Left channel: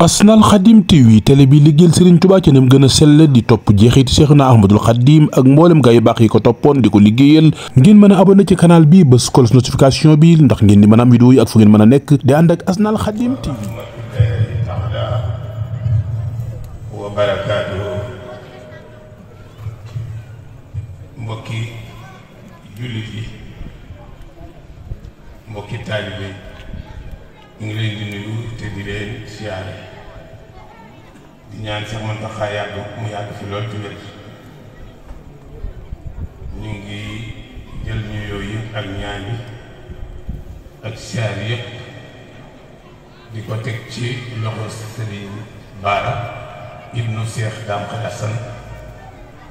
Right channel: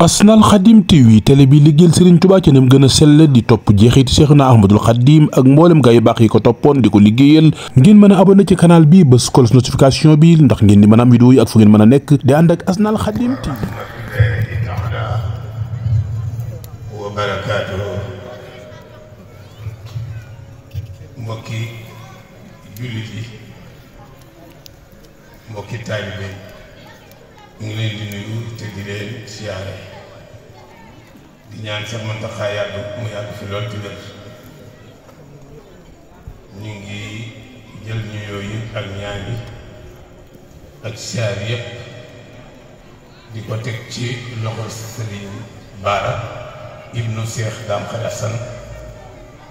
Asnal Khadim TV télé bi liggéeyal Serigne Touba ci nam gën a sell di topp jeexiti Cheikhna Ahmadul Khadim ak mboolem gaa yu baax yi ko toppoon di ko liggéeyal ngeen mën a abonné ci canal bi bës cloche notification bi ndax ngeen di mën a am vidéo yi ak fu ngeen mën a nekk di ànd ak Asnal Khadim TV. wa barakaatuhu mbokki jullit yi mbokki taalibe ñu ngi leen di nuyu te di leen siyaare di ñaan sax Muntaxa mu yàgg fi lool te wér. ñu ngi jël nuyoo yi ak ñaan yi ak siyaar yépp di ko teg ci loxo Sëriñ Baara ibnu Cheikh Dame Khalassane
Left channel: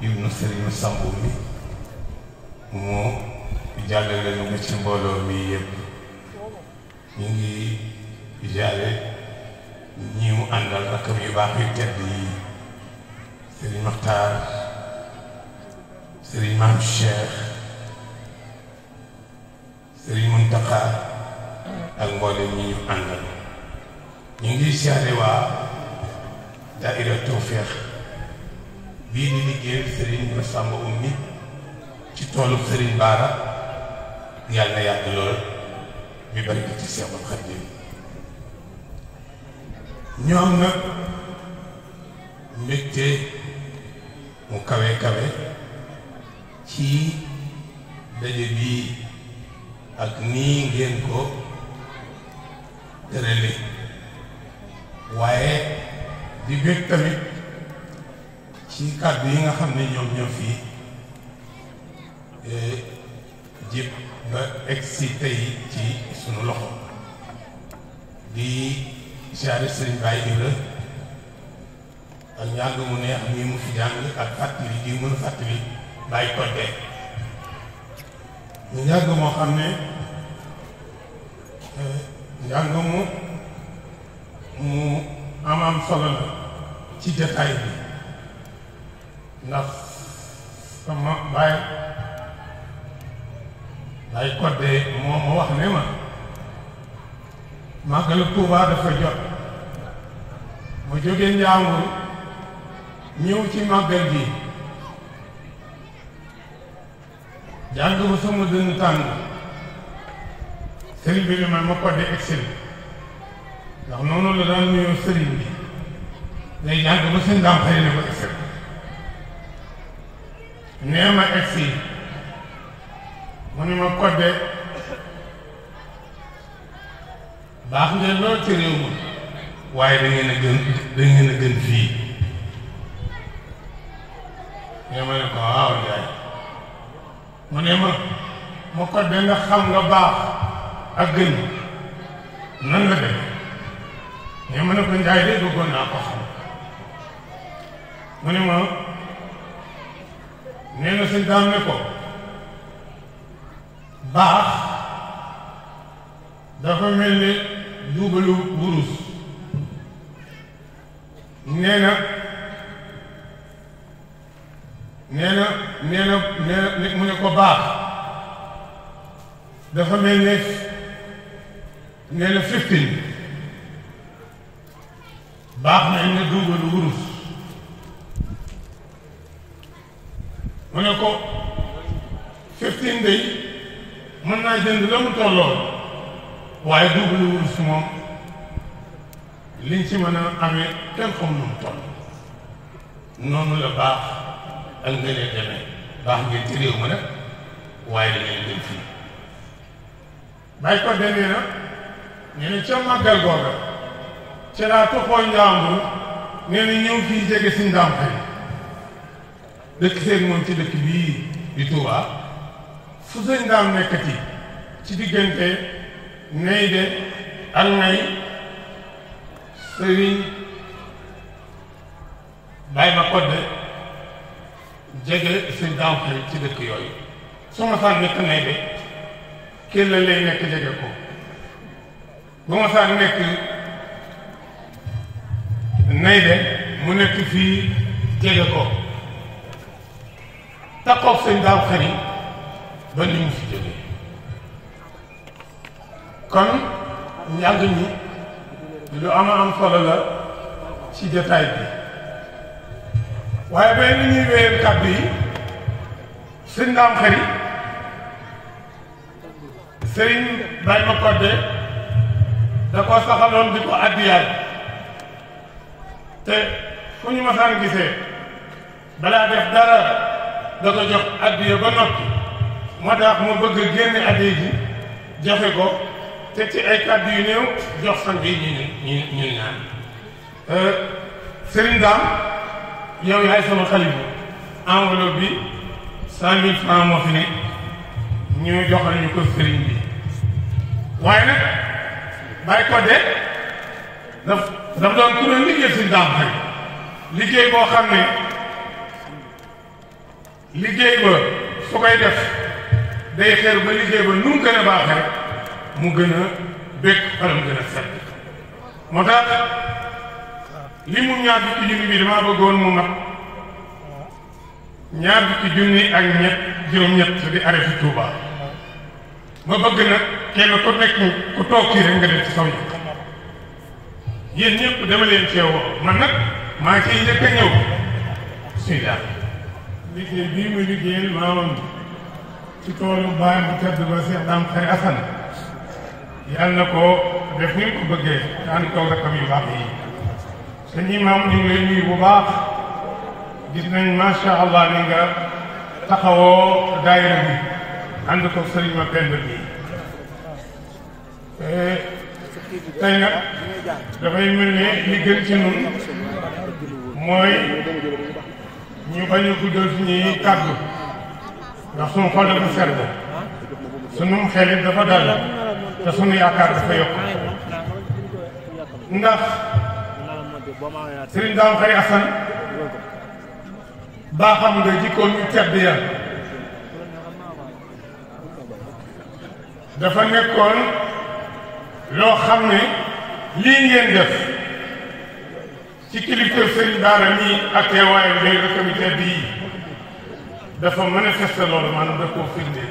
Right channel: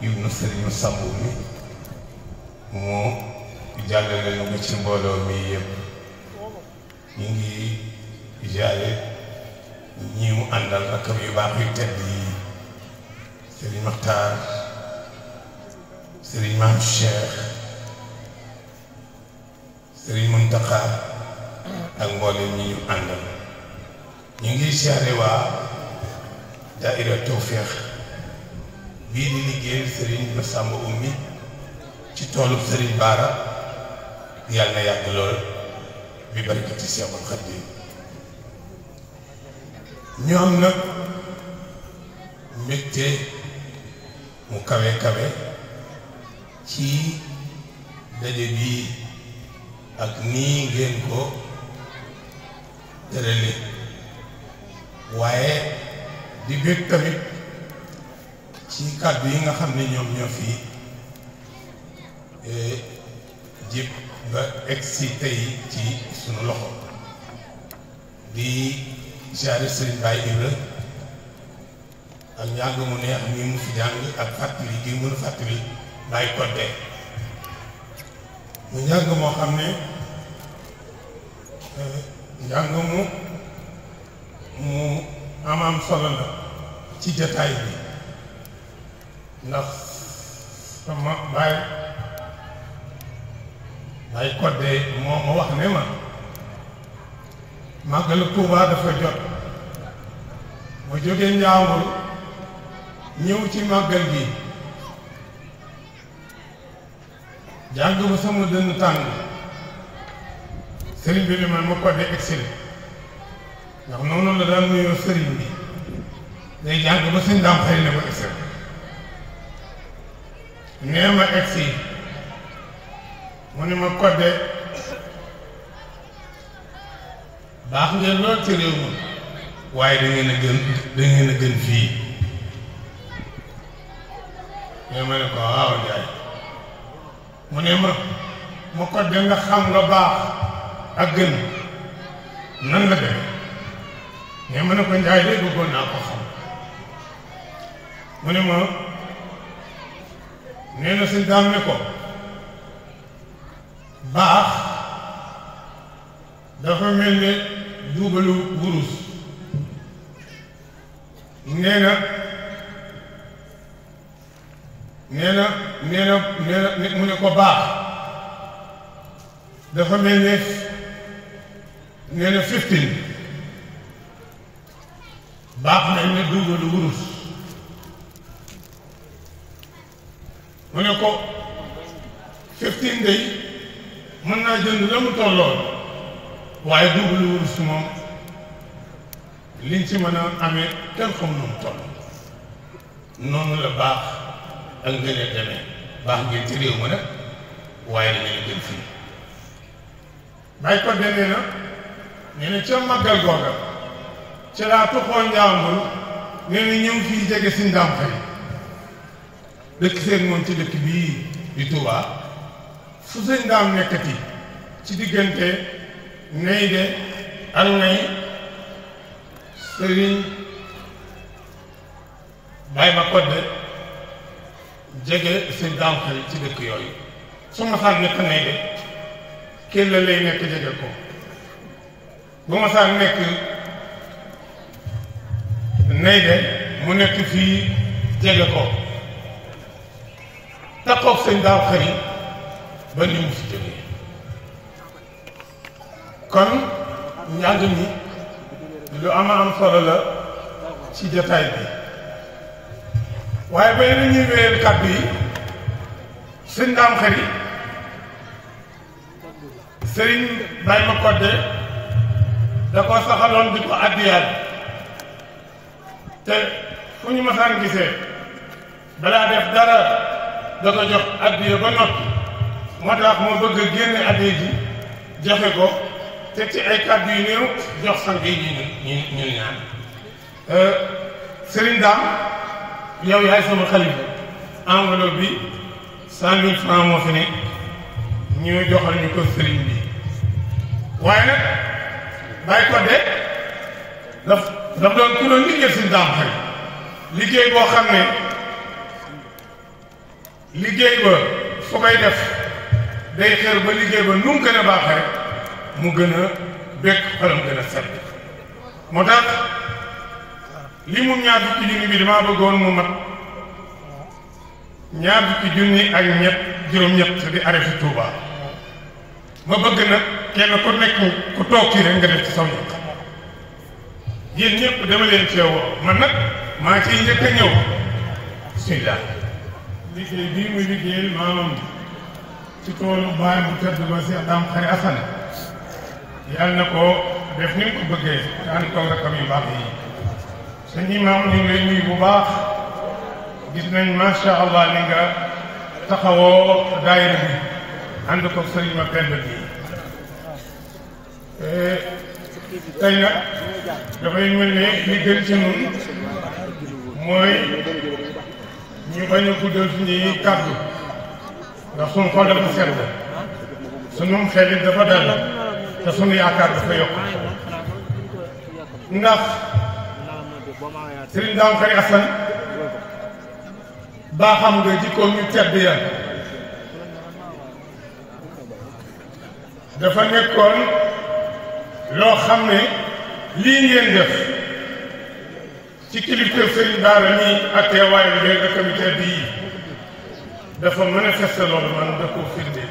ibnu Sëriñ Sambu mi moo jàllale lu nga ci mbooloo mi yépp. ñu ngi jaare ñi mu àndal rakam yu baax yu tedd yi Sëriñ Maxtaar Sëriñ Maam Cheikh Sëriñ Muntaxa ak mboolem ñi ñu àndal. ñu ngi jaare waa daaira Tawfeex bii di liggéeyal Sëriñ Massamba Oumy ci toolu Sëriñ Baara yàlla na yàgg lool bi barkati Seexul Xadiim. ñoom nag mbégte mu kawe kawe ci daje bii ak nii ngeen ko tërale waaye di bég tamit ci kàddu yi nga xam ne ñoom ñoo fi jib ba egsi tey ci sunu loxo di siyaare Sëriñ Baye Ibra ak njàng mu neex mi mu fi jàng ak fàttali gi mën fàttali Baye Kodde mu njàng moo xam ne njàng mu am solo la ci jataay bi ndax sama Baye Kodde moo ma wax ne ma màggalu Tuubaa dafa jot ma jógee Njàmbur ñëw ci màggal gi jàng ba sama dënn tàng sëriñ bi man ma Kodde excel ndax noonu la daan nuyoo sëriñ bi day jàng ba sëñ daam xëy na ko excel nee ma egsi mu ne ma Kodde baax ngeen lool ci réew mi waaye da ngeen a gën fii ñoo ma ne ko waaw Njaay mu ne ma Kodde nga xam la baax ak gën nan la demee ñoo ma ne ko Njaay de bëggoon naa ko xam mu ne ma nee na sëñ daam ne ko baax dafa mel ne duubalu wurus nee na mu ne ko baax dafa mel ne nee na 15 baax mel ne duubalu wurus mu ne ko 15 day mën naa jënd la mu tollool waaye duubalu wurus moom liñ ci mën a amee kenn xam nu mu toll noonu la baax ak ngëneel demee baax ngeen ci réew ma nag waaye dangeen gën fii Baye Kodde nee na nee na ca màggal googa ca laa toxoo Njàmbur nee na ñëw fii jege si Ndaam xëy dëkk seen moom ci dëkk bii di Touba fu sëñ Ndaam nekkati ci diggante nay de ak nay sëriñ Baye ma Kodde jege sëñ Ndaam xëy ci dëkk yooyu su ma saa nekk nay de kenn la lay nekk jege ko bu ma saa nekk nay de mu nekk fii jege ko takkoog sëñ Ndaam xëy ba ni mu fi jógee kon njàng mi lu am solo la ci jotaay bi waaye bay nañuy wéyal kàddu yi sëñ Ndaam Xari sëriñ Baye ma kodde da ko saxaloon di ko addiyaat te fu ñu masaan gisee balaa def dara da ko jox addiya ba noppi moo tax moo bëgg a génne addiya ji joxe ko te ci ay kàddu yu néew jox sang yi ñu naan Serigne Dame yow yaay sama xalifa enveloppe bi 100 000 francs moo fi nekk ñu joxal ñu ko Serigne bi waaye nag Baye Codé dafa doon kuréel liggéey Serigne Dame Xari liggéey boo xam ne liggéey ba su koy def day xeer ba liggéey ba nu mu gën a baaxee rek mu gën a békk faram gën a set moo tax li mu ñaar fukki junni bi damaa bëggoon mu mat ñaar fukki junni ak juróom-ñett di arrêté Touba ma bëgg nag kenn ku nekk ku toog kii rek nga def ci soññ yéen ñëpp dama leen ceewoo man nag maa ngi ciy njëkk a ñëw suy daal liggéey bii muy liggéeyal maamam ci toolu baay bu tedd ba Cheikh Dame Xari Assane yàlla na ko def ni mu ko bëggee ànd ko rakam yu baax yi sëñ imam ñu ngi lay nuyu bu baax gis nañ macha allah ni nga taxawoo daayira bi ànd ko sëriñ ma pend bi tey nag dafay mel ne li gën ci ñun mooy ñu bañ a guddal suñuy kàddu ndax suñu xol dafa sedd suñu xel it dafa dal te suñu yaakaar dafa yokk ndax Serigne Dame Xari Assane baaxam nga jikkoon ñu tedd ya dafa nekkoon loo xam ne lii ngeen def ci kilifte Serigne Bara nii ak teewaayu ngay rakam yu tedd yi dafa manifesté loolu maanaam da koo firnde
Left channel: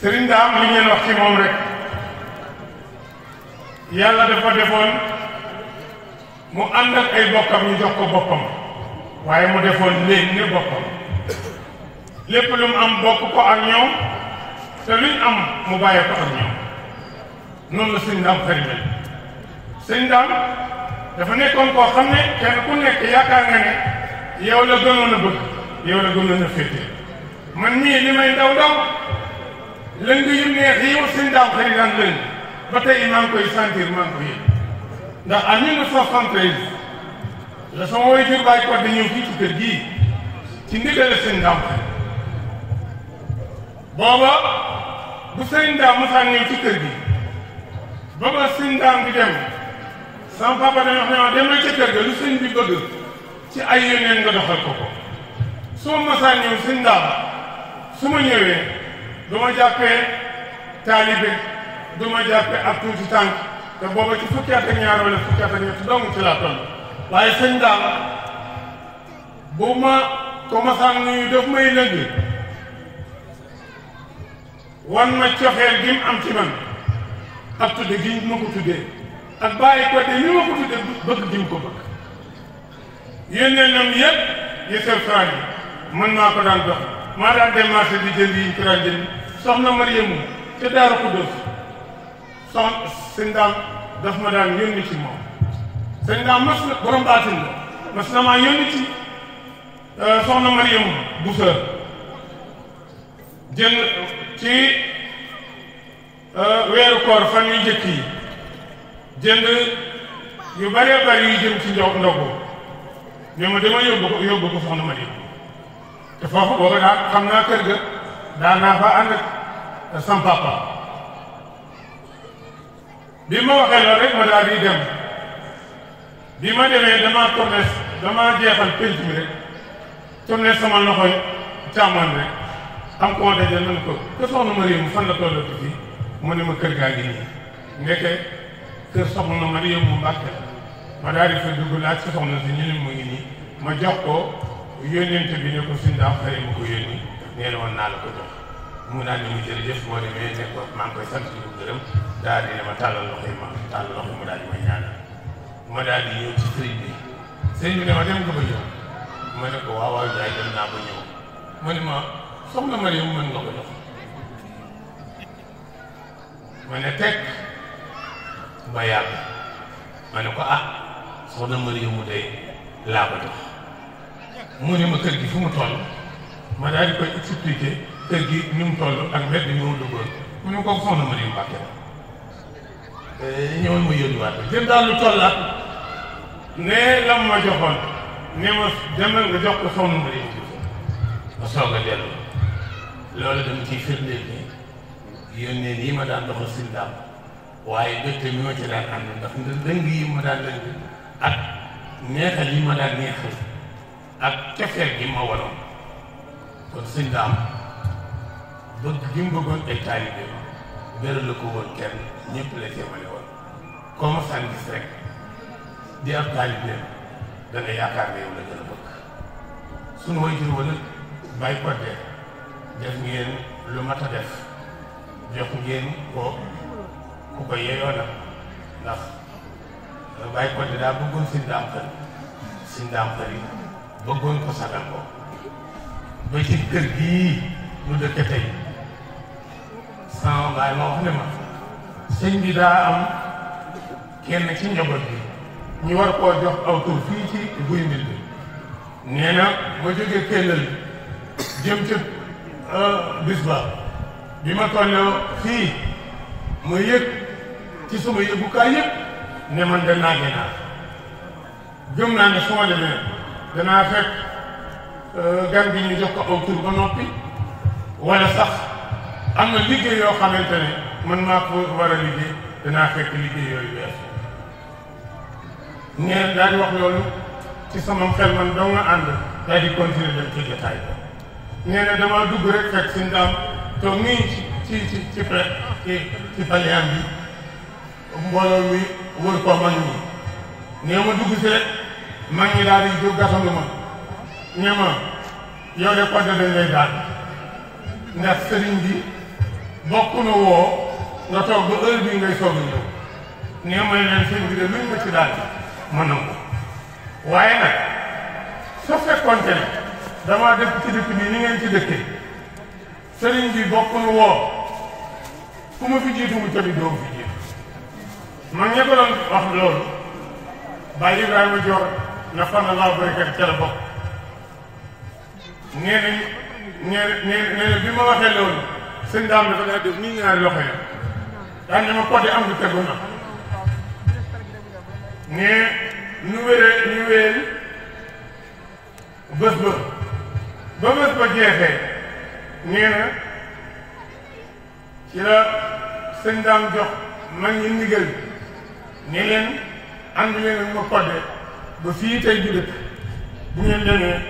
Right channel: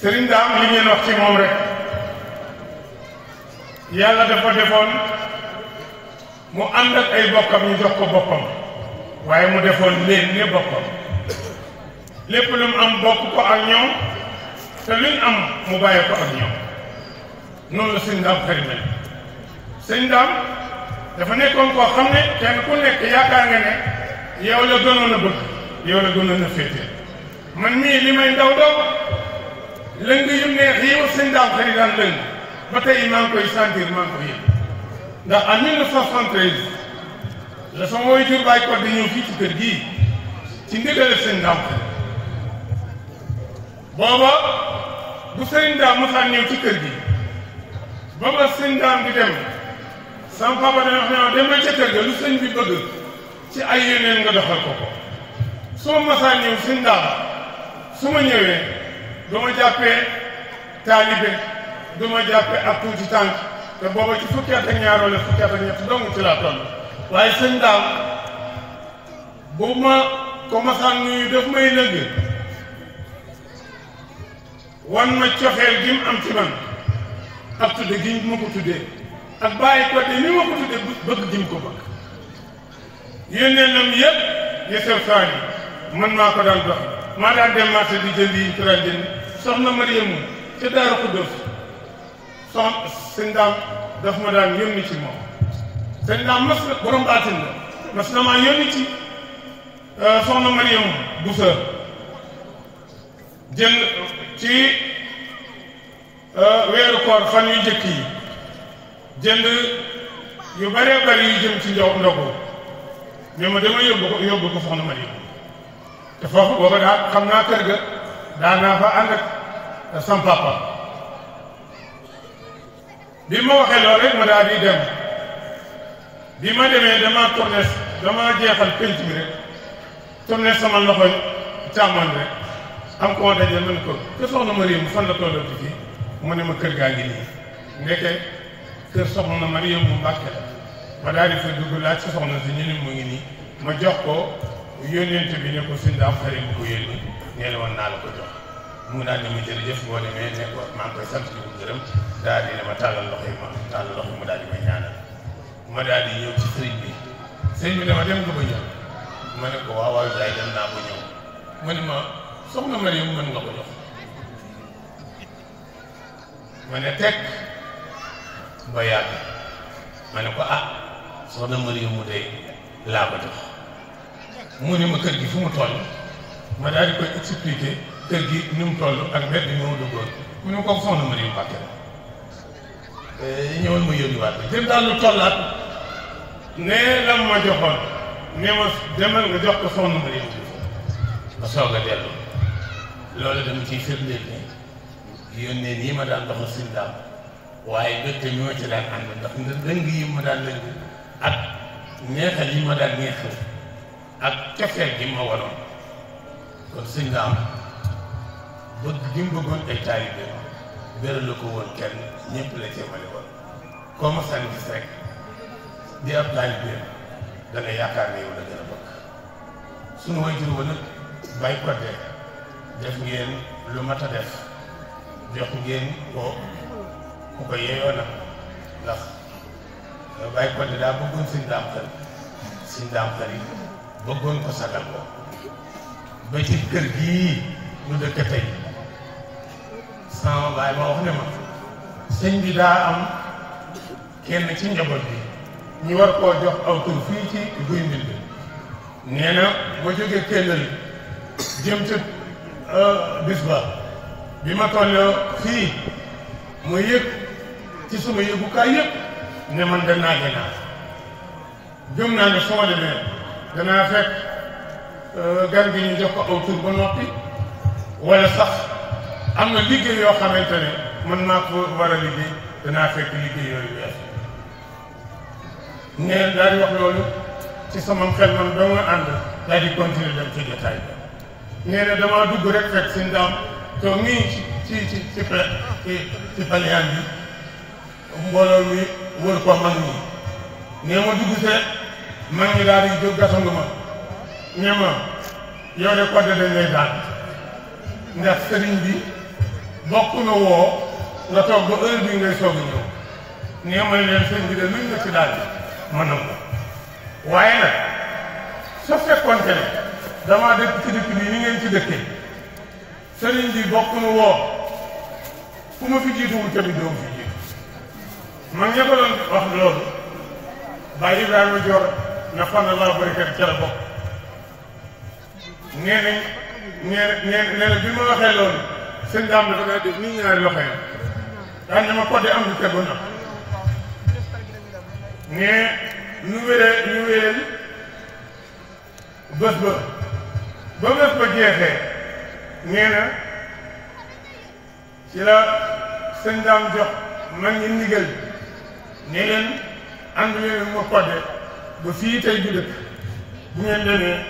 Serigne Dame li ngeen wax ci moom rek yàlla dafa defoon mu ànd ak ay bokkam ñu jox ko boppam waaye mu defoon léegi ne boppam lépp lu mu am bokk ko ak ñoom te luñ am mu bàyyee ko ak ñoom noonu la Serigne Dame Xari mel Serigne Dame dafa nekkoon koo xam ne kenn ku nekk yaakaar nga ne yow la gënoon a bëgg yow la gënoon a féete man mii li may ndaw ndaw lëng yu neex yi yow Serigne Dame Xari daan lëng ba tey maa ngi koy sentir maa ngi ko yëg ndax en 1973 la sama waajur Baye Codé ñëw fii ci kër gii ci ndigal Serigne Dame Xari booba bu Serigne Dame mosaan ñëw ci kër gi booba Serigne Dame di dem sama papa dana wax ne ma demee ca kër ga lu sëñ bi bëgg ci ay yónneen nga doxal ko ko su ma mosaan ñëw Serigne Dame su ma ñëwee du ma jàppee taalibe du ma jàppee ak tuuti tànk te booba ci fukki at ak ñaar wala fukki at ak ñett dong ci laa toll waaye Serigne Dame bu ma ko mosaan nuyu daf may lëgg wan ma cofeel gi mu am ci man ak tudde gi ma ko tuddee ak Baye Codé ni ma ko tuddee bëgg gi mu ko bëgg yénnee nam yëpp yësal saa yi man maa ko daan dox maa daan dem marché di jënd yi ñu ko daan jënd soxna Mariamu ca Daaru Xuddoos soxna Serigne Dame daf ma daan yónni ci moom Serigne Dame mas na borom baatin la mas na maa yónni ci soxna Mariamu bu sa jënd ci weeru koor fan yu njëkk yi jënd yu bëree bëri yu jëm ci ndogu ñoo ma dama yóbbu ko soxna Mariamu te foofu booba daal xam naa kër ga daan naa fa ànd ak sam papa bi ma waxee loolu rek ma daal di dem bi ma demee dama jeexal penc mi rek tourné sama loxo càmmoñ rek am koo daje man ko te soxna Mariamu fan la tollati fii mu ne ma kër gaa ngi nii ndeke kër soxna Mariamu mu Mbàkke la ma daal di fa dugg laaj ci soxna si ñu ne mu ngi nii ma jox ko yónneente bi ne ko Serigne Dame Xari ma ko yónni nee na woon naa la ko jox mu daal di ma jërëjëf boo demee ne ko maa ngi koy sant di ko gërëm daal di ne ma tàllal loxo yi mu daal di may ñaanal ma daal di ñëw ci sëriñ bi sëriñ bi dama dem nga ba ñëw ma ne ko waaw waaw jaay dem naa ba ñëw ma ne ma soxna Mariam mën nga ko jox ma ne teg ba yàgg ma ne ko soxna Mariam mu day laa ko jox mu ne ma kër gi fu mu toll ma daal di koy expliquer kër gi nu mu toll ak mbedd bi mu duggoon mu ne ko soxna Mariam Mbàkke ñëwoon ma yónniwaat ko jël daal lu tollaat nee la ma joxoon ne ma demal nga jox ko soxna Mariam ma soog a dellu loolu dama ciy firndeel ne yónnee yi ma daan doxal suñu daam waaye dëkk mi ma ci daan ànd ndax lëng yi ma daan lëng ak neexal yi ma daan neexal ak cofeel gi ma waroon kon suñu daam bëgg gi mu bëggoon ay taalibe beral la ko woon kenn ñëpp la jéemale woon koo ma saan gis rek di ab taalibe da nga yaakaar ne yow la gën a bëgg suñu way jur wala bàyyi ko def ngeen lu mat a def jox ngeen ko ku ko yeeyoo nag ndax bàyyi ko daa bëggoon suñ daam xel yi bëggoon ko sagal ko ba ci kër gii lu dëkk tey sama baay ma wax ne ma sëñ bi daa am kenn ci njaboot bi ñu war koo jox aw tur fii ci guy mbind bi nee na ba jógee Kellal jëm ca bis ba bi ma tolloo fii ma yëg ci suma yëgukaay yëpp ne man danaa gënaa gëm naa ne soo demee danaa fekk gan gi ñu jox ko aw tur ba noppi wala sax am na liggéey yoo xamante ne man maa ko war a liggéey danaa fekk liggéey yooyu wees nee daal di wax loolu ci sama xel man doo nga ànd daal di continuer dem ci jotaay ba nee na damaa dugg rek fekk si ndaam toog nii ci paliyaan bi mbooloo mi wër ko mag ñi nee ma dugg see mag ñi daal di jóg gasandu ma ne ma yow de kodde dañ lay daal ndax sëriñ bi bokk na woo nga toog ba heure bii ngay soog a ñëw nee may leen sëriñ bi de luñ nga ci daal ma nangu waaye nag su fekkoonte ne dama dëkk ci dëkk bi ni ngeen ci dëkkee sëriñ bi bokk na woo fu ma fi jiituwul tamit doo fi jiitu man ña ko doon wax loolu Baye Ibrahima Dior na xam ne laa barikat ca la bokk nee na bi ma waxee loolu sëñ daam dafa daa def nii ñaari loxo yi daan ne ma côté am du tegu na ne ñu wéeri bés ba bés ba jeexee nee na ci la sëñ daam jox man ngi ndigal ne leen ànd leen ma kodde ba fii tey bi dëkk bu ngeen demee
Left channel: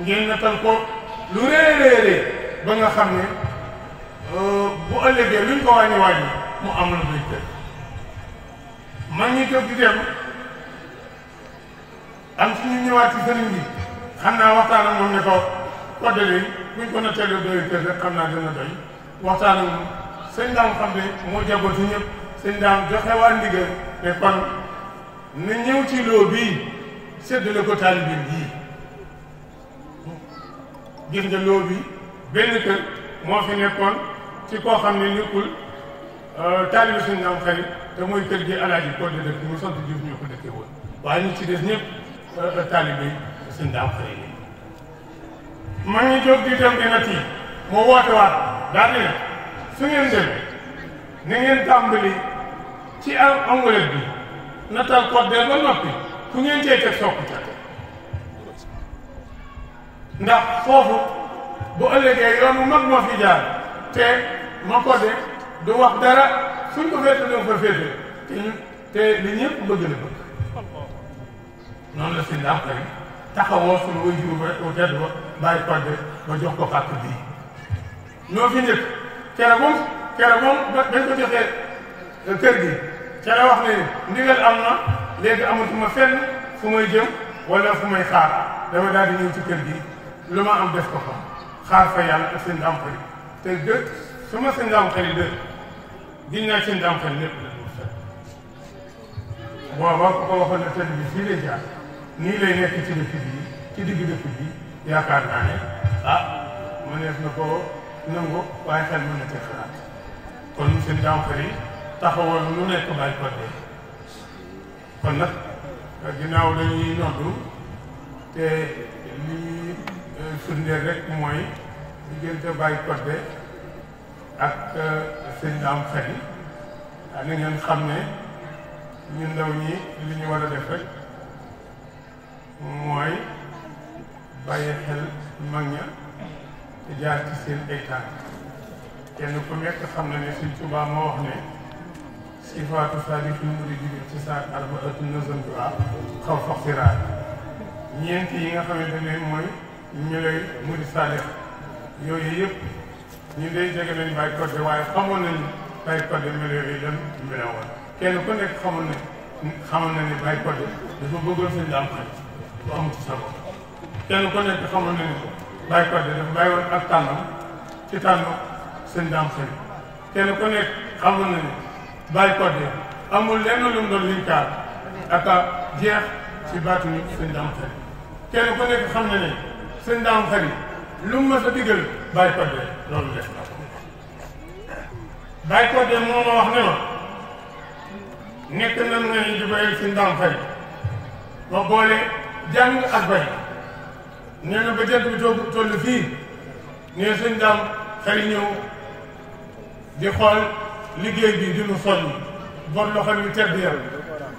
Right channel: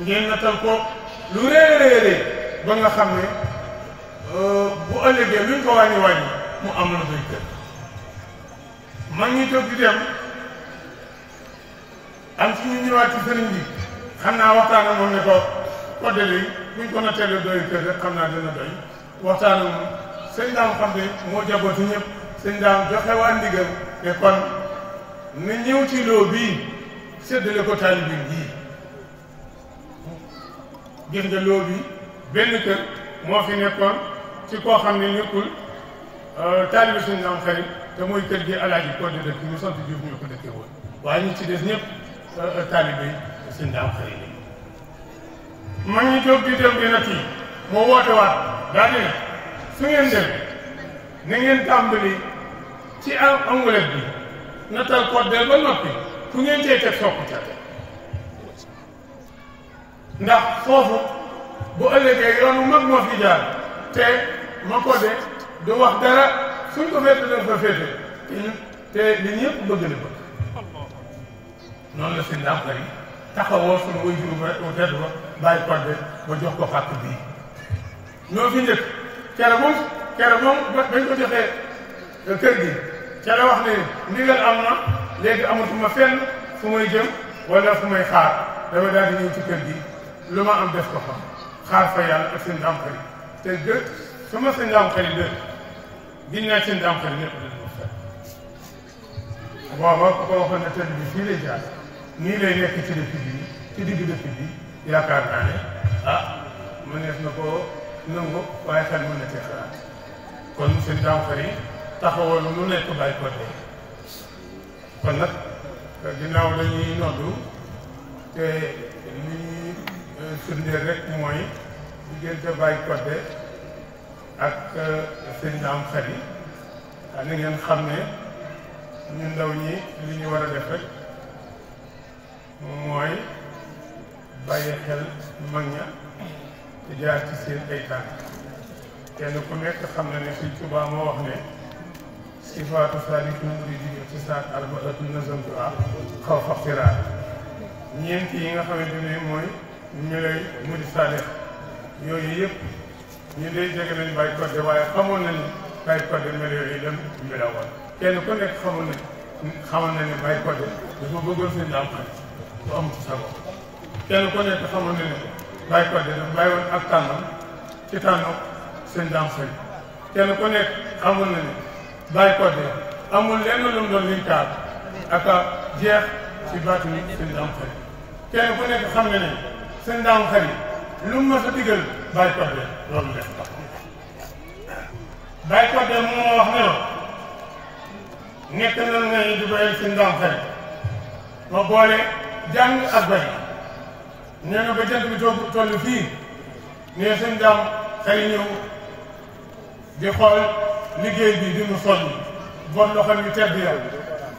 ngeen nattal ko lu réeréerée ba nga xam ne bu ëllëgee luñ ko wàññi mu am la doy kër man ñi toog di dem am ci ñu ñëwaat ci sëriñ bi xam naa waxtaan ak moom ne ko kodde léegi buñ ko nattalee doy kër rek xam naa dina doy waxtaan ak moom sëñ daam xam ne moo jabatu ñëpp sëñ daam joxe waa ndigal ne kon na ñëw ci loo bii séddale ko taalibe bii gis nga loo bi benn kër moo fi nekkoon ci koo xam ne nekkul taalibe suñu naam xarit te mooy kër gi alaaji ko de dëkk ñu sant Diouf ñoo ko dëkkee woon waaye ñu ci des ñëpp taalibe suñu naam xarit lañ maa ngi jóg di dem dina kii moo woote waat daal ne su ngeen dem na ngeen tàmbali ci amulet bi natal kodde ba noppi ku ngeen cee teg sokku ca ndax foofu bu ëllëgee yoon wu mag moo fi jaar te ma kodde du wax dara suñ ko féete danga fa féete te li ñëpp bëgg na bëgg noonu la si ndax tey taxawoo suñu way juru ba tedd ba bàyyi kodde ba jox ko xàq bii ñoo fi njëkk keroog moom bañ ko joxee kër gi ca la wax ne ndigal am na léegi amatuma fenn fu may jëm wala fu may xaar dama daal di ñëw ci kër gi lu ma am def ko fa xaar fa yàlla ak seen daam xarit te dëkk su ma seen daam xarit dëkk giñ naa seen daam xarit lépp la fekk booba ku ko waxoon ne tëdd bi fii lay jaar nii lay nekk ci dëkk bi ci digg dëkk bi yaakaar naa ne mënees na ko nangu waaye xel mën na cee xalaat kon seen dànfar yi taxawoon lu nekk bàyyi ko dee kon nag ginnaaw dañuy noddu te li ñuy firndeel rek mooy diggante bàyyi ko dee ak seen dànfar yi na ngeen xam ne ñu ndaw ñi li ñu war a def rek mooy bàyyi xel mag ña te jaar ci seen ay tànk kenn ku nekk xam na ne Sëñ Tuubaa moo wax ne sifaatu saadikul muriidi ci saat arbaatu nazamtuha xaw fa xiraat ñeent yi nga xamante ne mooy meloy murid saadix yooyu yëpp ñu day jege nañ Baye Codé waaye xamoon nañ Baye Codé melo yooyu lan melowoon kenn ku nekk xamoon na ne Baye Codé dafa bëggoon sëñ daam xañ bu am ci sa bopp kenn ku nekk xamoon na ne Baye Codé dafa bàyyi woon ak tànnam ci tànnam sëñ daam xañ kenn ku nekk xamoon na ne Baye Codé amul lenn lu mu doon liñ kaar ak a jeex ci baatu ni sëñ daam xañ kenn ku nekk xam na ne sëñ daam xañ lu mu mës a digal Baye Codé loolu def na ko Baye Codé moom moo wax ne la nekk nan ngay di bayal sëñ daam xañ ma boole jàng ak bay nee na ba jant bi toll fii ne sëñ daam xañ ñëw di xool liggéey bi di nu soññ bor loxo yu tedd ya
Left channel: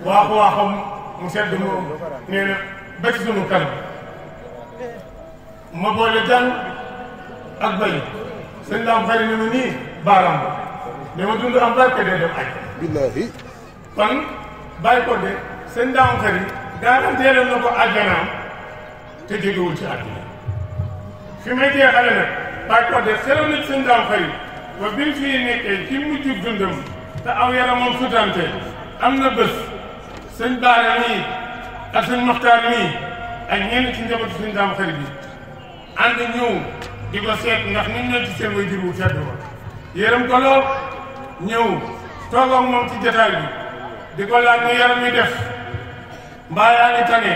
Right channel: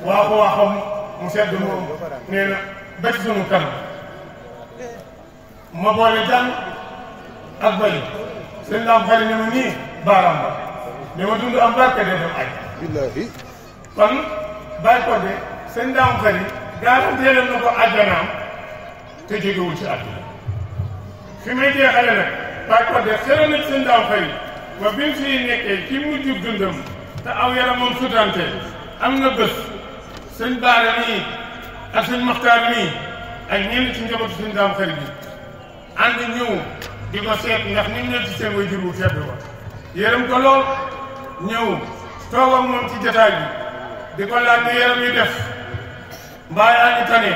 waaxam mu sedd moom nee na ba ci sunu kanam ma boole jàng ak bay sëñ daam xañ ne ma nii baaraam ba dama dund am barke dee dem aj billaahi kon Baye Codé sëñ daam xañ garanteeloon na ko àjjanaam te jógewul ci àdduna fi may jeexale nag Baye Codé xeroon na sëñ daam xañ ba bi mu fii nekkee ci mujj dundam te aw yaramam sutante am na bés sëñ Baare mii ak sëñ Moxtaar mii ak ñenn ci njabootu sëñ daam xañ bi ànd ñëw di ko seet ndax ni mu ne ci seen waajur wu tedd ba yërëm ko lool ñëw toog ak moom ci jotaay bi di ko laaj ne yaram yi def mbaa yaa ngi tane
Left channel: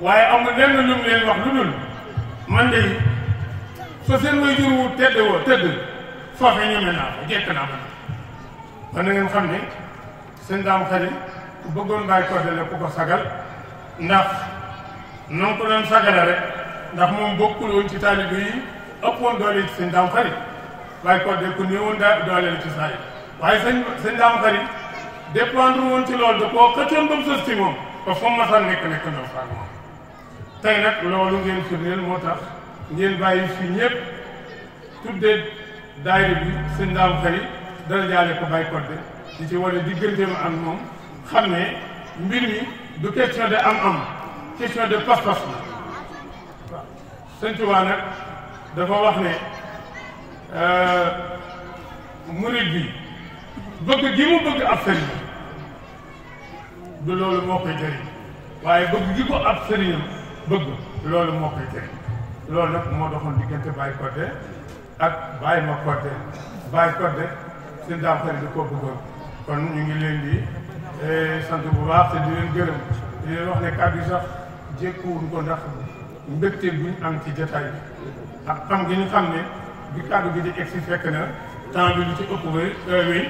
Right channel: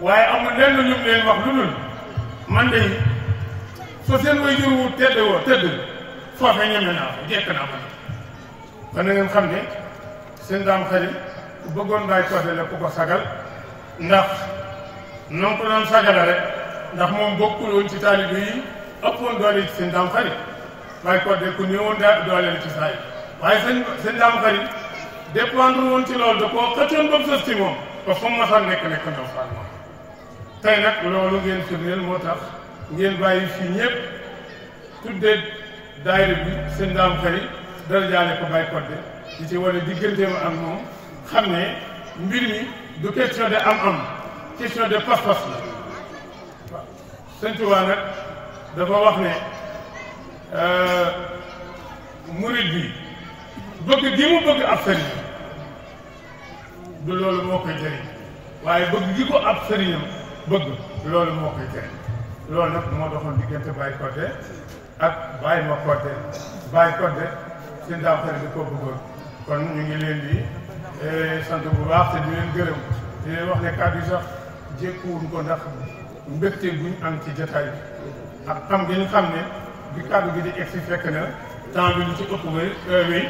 waaye amul lenn lu mu leen wax lu dul man de so seen waajur wu tedd woo tëdd foofe ñeme naa ko jekk naa ko ba na ngeen xam ne sëñ daam xañ ku bëggoon Baye Codé la ku ko sagal ndax noonu ko doon sagale rek ndax moom bokkul woon ci taalibe yi ëppoon doole ci sëñ daam xañ Baye Codé ku néewoon doole ci saa yi waaye sëñ daam xañ dépendre woon ci loolu da koo xëccoon ba mu sës ci moom ba fa ma xam nekk ndoo faak moom tey nag loolu ngeen firndeel moo tax ngeen bàyyi fii ñëpp tuddee daayira bi sëñ daam xañ dara jaale ko Baye Codé di ci wane digganteem ak moom xam ne mbir mi du question de am question de pas-pas la waaw sëñ Tuubaa nag dafa wax ne murid bi bëgg gi mu bëgg ab sëriñ du loolu moo koy jëriñ waaye bëgg gi ko ab sëriñam bëgg loolu moo koy jëriñ loolu nag moo doxoon diggante Baye Codé ak Baye ma Codé Baye Codé sëñ daam xañ da koo bëggoon kon ñu ngi leen di sant bu baax te di leen gërëm di leen wax ne kàddu yi sax jékkuwuñ ko ndax mbégte buñ am ci jotaay bi ak xam gi ñu xam ne bi kàddu gi di egsi fekk na temps bi lu ci ëpp wéy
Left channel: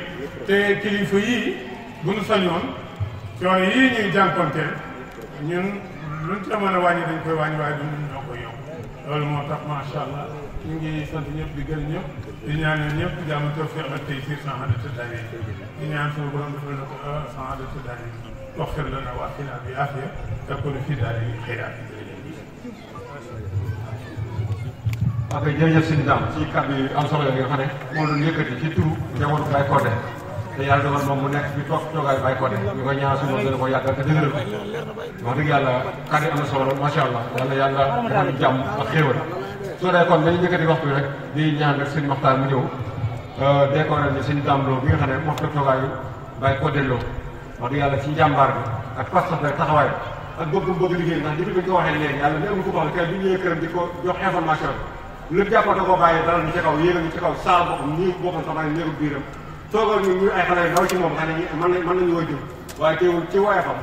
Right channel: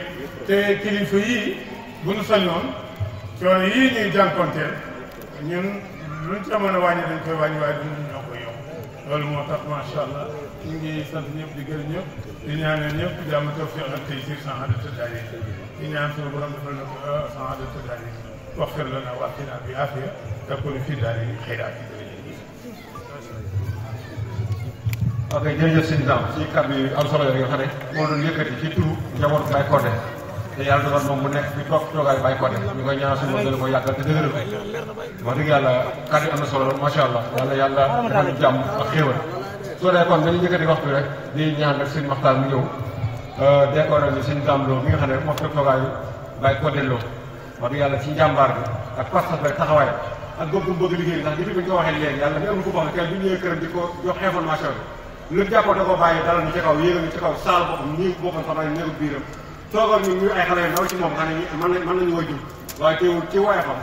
te kilifa yii bu nu sañoon coono yii ñuy jànkonteel ñun luñ ca mën a wàññi dañ koy wàññi waaye duñ ñoo koy yokk loolu moo tax macha allah ñu ngi sant ñëpp di gërëm ñëpp di ñaanal ñëpp di jàmm toog feex ak tey si saxaadatu daari di ñaan suñu borom defal na ko saxaadatu daari wax fen la na waa finaa bi afiya te ko fii daari xëyraat ok jërëjëf sëñ Dame ci kàddu yu am solo yoo xam ne moo doon yëkkati ci turu njabootu Baye Codé te yàlla doon moom mu nekk fi toog toogaay Baye Codé ñu koy ñaan suñu gën a ko yàggal te dëgëral wax dëgg yàlla kàddu am na solo macha allah yàlla yàlla defal ñu jàmm ak xéwal soo dee kon dañu yëkkati waxtu rek di ñaan rek sëñ Maxtaar mu ñëw décoré ni sëñ Dame Lo bi nga xam ne moo toog toogaayu Baye Codé Lo wax dëgg yàlla ci njàmbaar bi ak pas-pas rek taxawaay ak bëgg liggéey ndax depuis bi ñu ko waxee léegi yàlla ni am na ko wax ne tey bi ñëwee këram di ko jox information bi lu jàppoon da ko bàyyee dalal ñu ci kaw yéegal ñu ci kaw saal boppam ñii boppam sax néegu biiram toogal ñu ay xale yu ndaw ci moom xam ne mën nañu way jur waaye teewul ci woyefam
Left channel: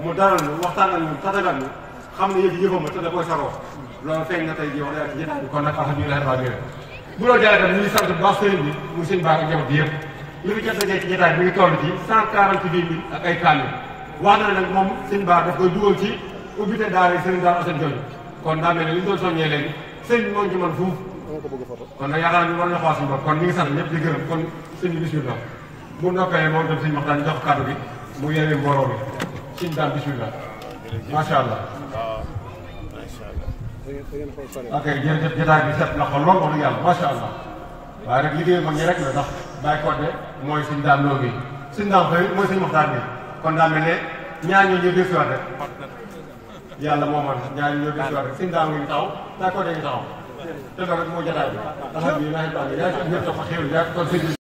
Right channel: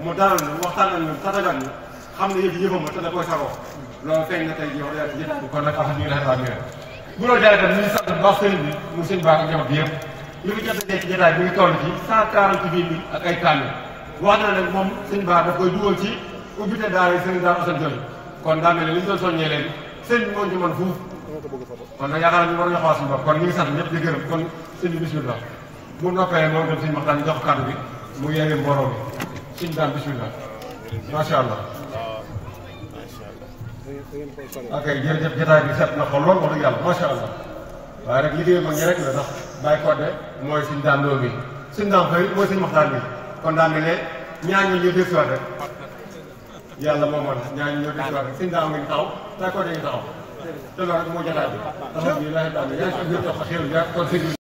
mu dalal ñu waxtaan ak ñun tatagal ñu xam ne yëf yëfam ma te da koy sagoo loolu feeñ na tey jii wax dëgg ci jotaay bi kon nag alhamdulilah rabbil bu la jaay tam ñu ngi sant bu baax sëriñ bi muy sëñ baa ngi jox bi yëpp li mu jot a jekk ci jotaay bi mi ngi toll ci 148 000 ak ay kaamil wax na nag moom sëñ baa daf koy dugal ci ubbite daara yi sëñ daara Assane Jolle kon daa mel ne li ñu doon soññee léegi sëñ bi moo ci mën fuuf kon nag yaakaar naa ñu war ñu xool suñu bopp kon ñu ngi sant ñëpp di gërëm kon sëñ bi bismillah bu noppee moom tam sëñ Maxtaan jox kàddu bi mu yeewee mbooloo bi sëñ daal bismillah macha allah ok jërëjëf jotaay bi set na ko lool wax dëgg yàlla macha allah waaye nag liggéey mag ñi rek la ndax Baye Codé mooy suñu daan loo bi suñu daan xëy mooy suñu waxtaan bi kon daa mel ne ñaar ñi ñu dégg si waat rek yàlla moo mën ñaar ñi ñoo dégg si waat rek suñu daan ngi taxaw Baye Codé ngi taxaw te loolu rek mooy jotaay bi alhamdulilah yaa ngi ci biir toog xéwal yaa ngi toog